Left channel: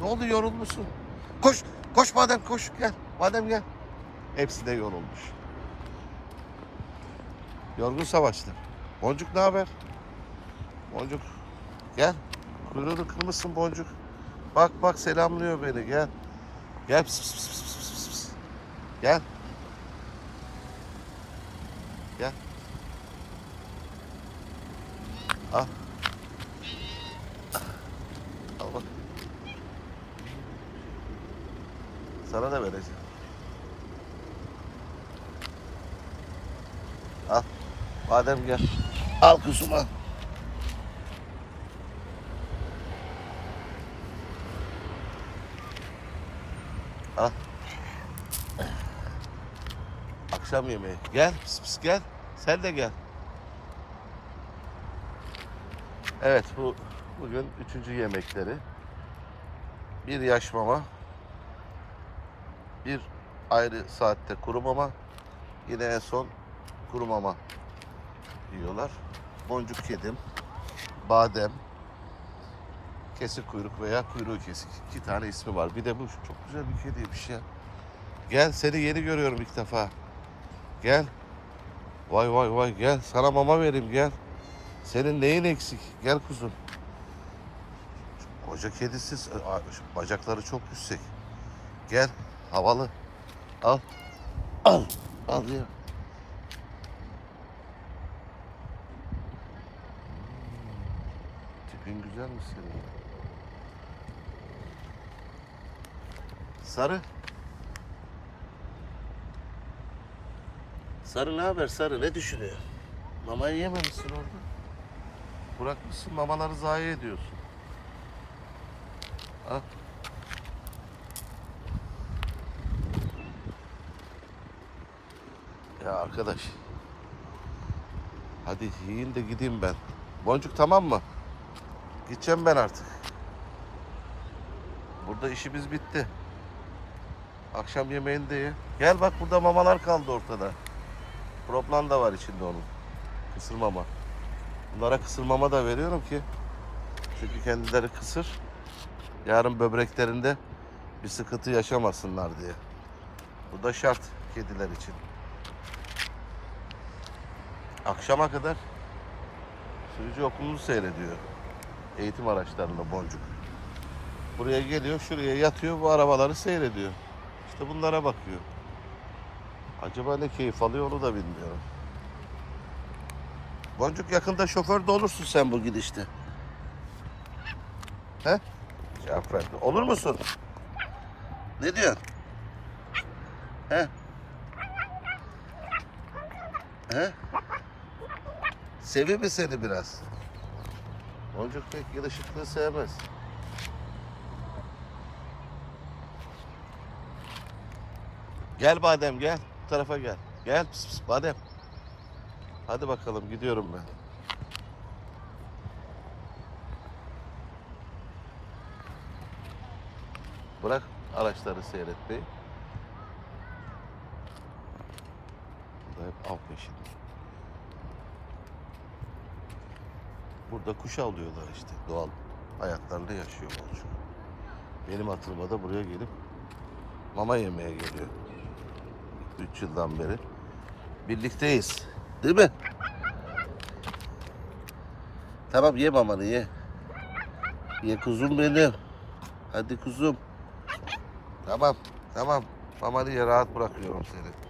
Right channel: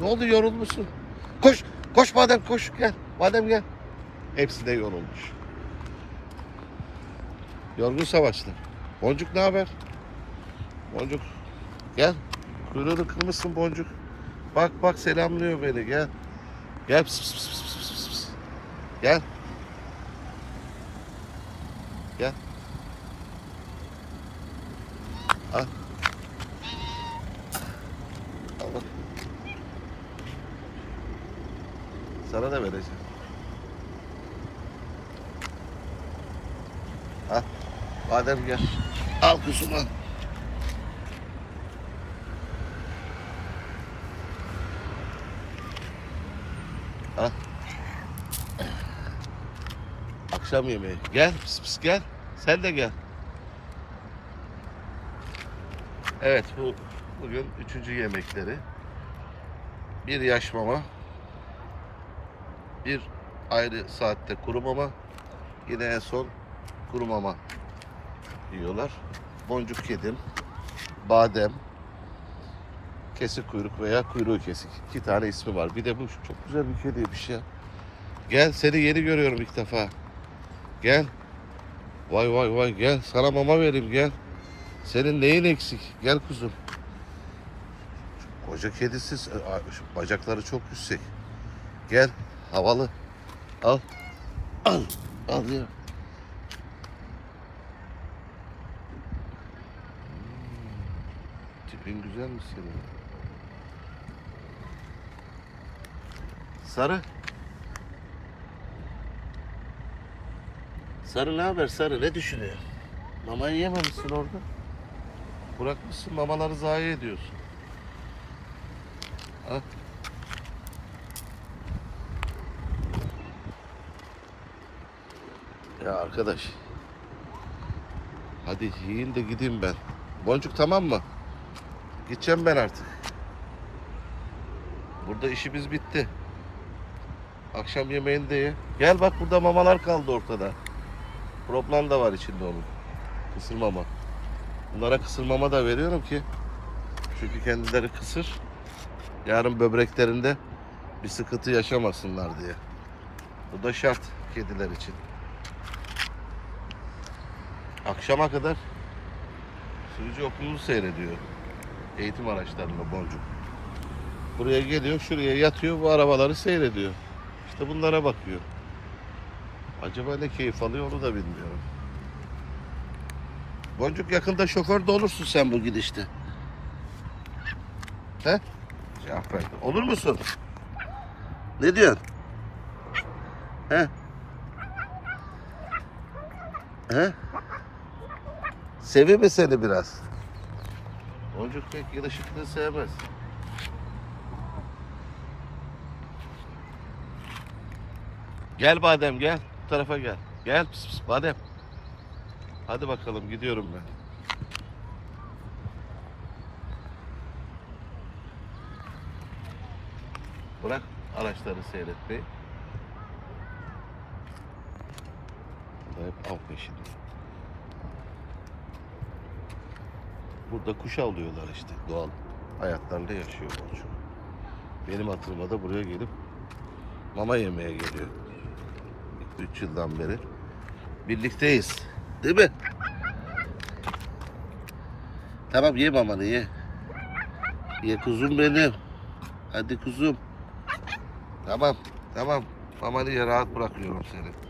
Ne oldu yorulmuşsun? Koş. Koş Badem koş. Gel. Badem gel. Hepsi de yorulmuş. Yorgun savaşlı. Boncuk ne haber? Boncuk. Gel. Kuyruğunu kırmışsın Boncuk. Bak bak selamlıyor beni. Gel. Gel. Pıs, pıs, pıs, pıs, pıs. Gel. Gel. Al. Al bak. Sana da vereceğim. Al. Badem gel. Al kızım al. Al. Akşam yemeği. Gel pis pis gel. Sen de gel. Evet bu bugün üçüncü yemekleri. Bir yaş mama. Bir ayrı saatte kuru mama. Yine en son kuru mama yiyorlar. Boncuk kedim, badem, kesik kuyruk veya kuyruğu kesik. İki tane ismi var. Bir de bu çok güzel bir kediymiş ya. Gel seni yeni görüyorum ilk defa. Gel. Vay vay vay gel sana mama vereyim gel. Senin neyin eksik? Gel kuzum. Koca kedisiz. Bacakları çok yüksek. Gel. Havalı. Al. Al. Al ya. Hmm. Tipin güzelmiş senin. Sarı. Sarı ne haber Sarı? Ne düşünüyor? Mamayı yememişsin orada. Bırakmışsın mamaları zayi ediyorsun. Al. Ya arkadaş. Hadi yiyin de gideyim ben. Boncuk tamam mı? Gideceğim ben artık. Burada işimiz bitti. Akşam yemeğini de ye. Gel bak burada mamalar kaldı ortada. Proplan da var içinde onun. Kısır mama. Bunlara kısır mama da veriyorum ki. Çünkü kendileri kısır. Yarın böbreklerinde bir sıkıntı yaşamasınlar diye. Bu da şart kediler için. Akşama kadar sürücü okulunu seyrediyor. Eğitim araçlarında boncuk. Buraya geliyor, şuraya yatıyor, bu arabaları seyrediyor. İşte bunlara bakıyor. Acaba ne keyif alıyor onu da bilmiyorum. Boncuk yakında şoför de olursun sen bu gidişte. He? Cevap verdi. Olur musun? Ne diyorsun? He? He? Seviyor mu seni biraz? Boncuk pek yılışıklığı sevmez. Gel Badem gel. Bu tarafa gel. Gel pis pis Badem. Hadi bakalım gidiyorum ben. Bırak araçları seyretmeyi. Burada hep av peşinde. Burada kuş avlıyorlar işte doğal hayatlarında yaşıyor boncuk. Benim hatırıma da buraya gelip mama yemeye geliyor. 3 yıldan beri birlikteyiz. Değil mi? Tamam ye mamanı ye. Ye kuzum benim. Hadi kuzum. Tamam tamam. Mamanı ye rahat bırakıyorum seni.